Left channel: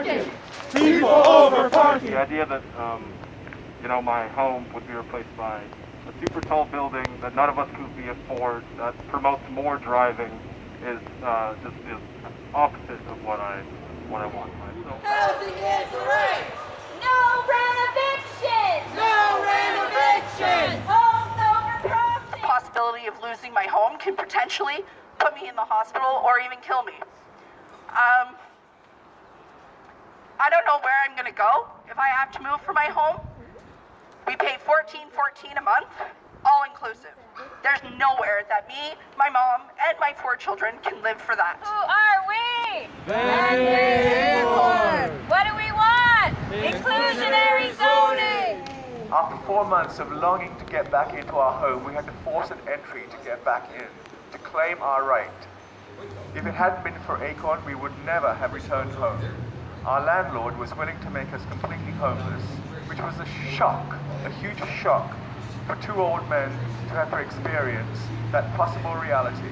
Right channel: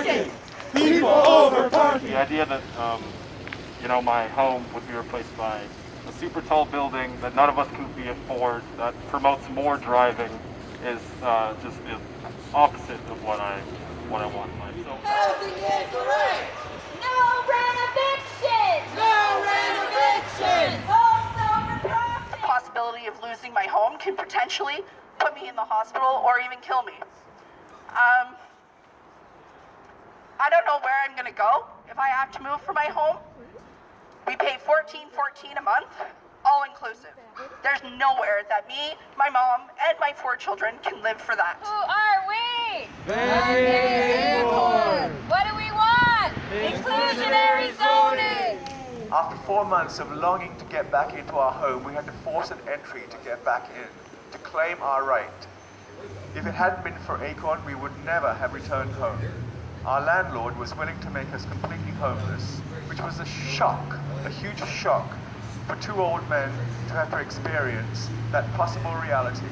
parking. People over parking. The idea that, my home would be replaced by a super tall building that none of us could afford, that promotes more driving, is just the opposite of what I want in life. So, housing is the right. No rent evictions! No rent evictions! Homeowner property! The possibility of losing my home can potentially put me in the hospital or even kill me. I don't know where I'm gonna go if I have to move from my home. We pay $14.14 a month, all inclusive. There's nowhere that me, my mom, and my 4 children can live for that. Who are we? ACORN. What do we want? Inclusionary zoning! After 4 months of longing to get back into our home, we had to force an entry to get back in, to claim our right. If it hadn't been for ACORN, we would never have returned home. Our landlord was willing to make us completely homeless, which was a shock, a huge shock for 2 old men to have to experience that possible reality.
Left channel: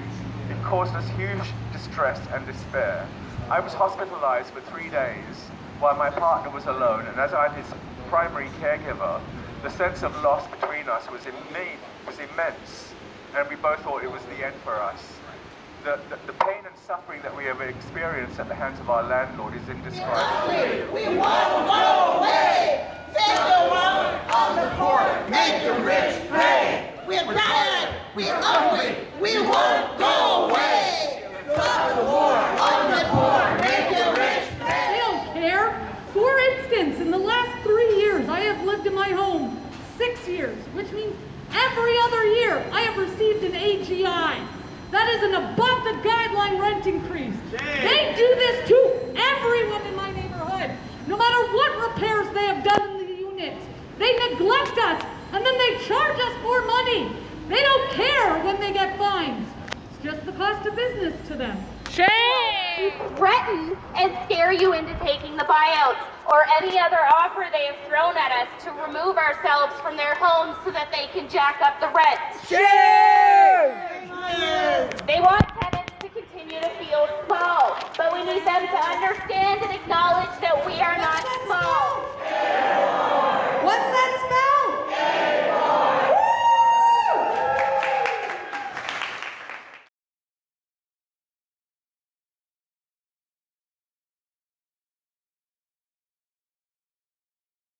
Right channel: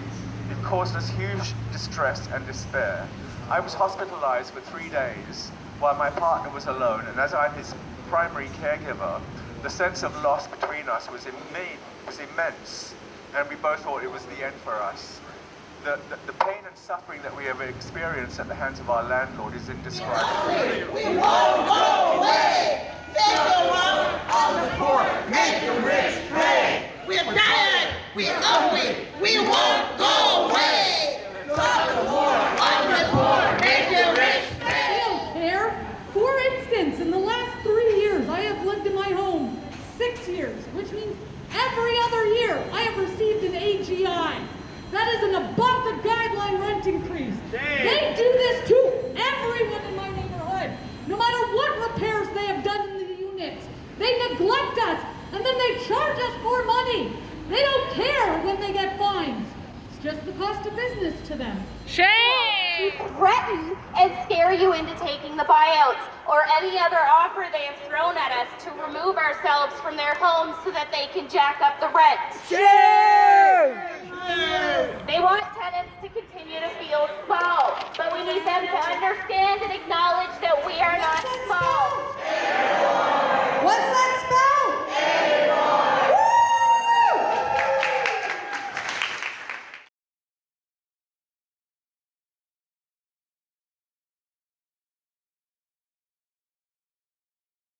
It caused us huge distress and despair. I was hospitalized for 3 days while my partner was alone, and as I'm his primary caregiver, the sense of loss between us was immense, and we both thought it was the end for us. The pain and suffering that we have experienced at the hands of our landlord is indescribable. We won't go away. Take the one on the poor, make the rich pay. We're bad, we ugly, we won't go away. Stop the war on the poor, make the rich pay. I don't care. For instance, in the last 3 years, I have lived in my home 6 years, which means every other year I have received an AGI. That is an above the guideline rent increase. They do this to everyone in my neighborhood. No matter what repairs they have done in the units, they neglect us, and then they charge us more money. They don't care when they get fines. It's just the cost of business to them. To threaten and scare you into taking the buyouts or any other offer they have thrown at us to remove ourselves from their homes so that they can jack up the rent. They want tenants to continue to feel small, but we need them to understand and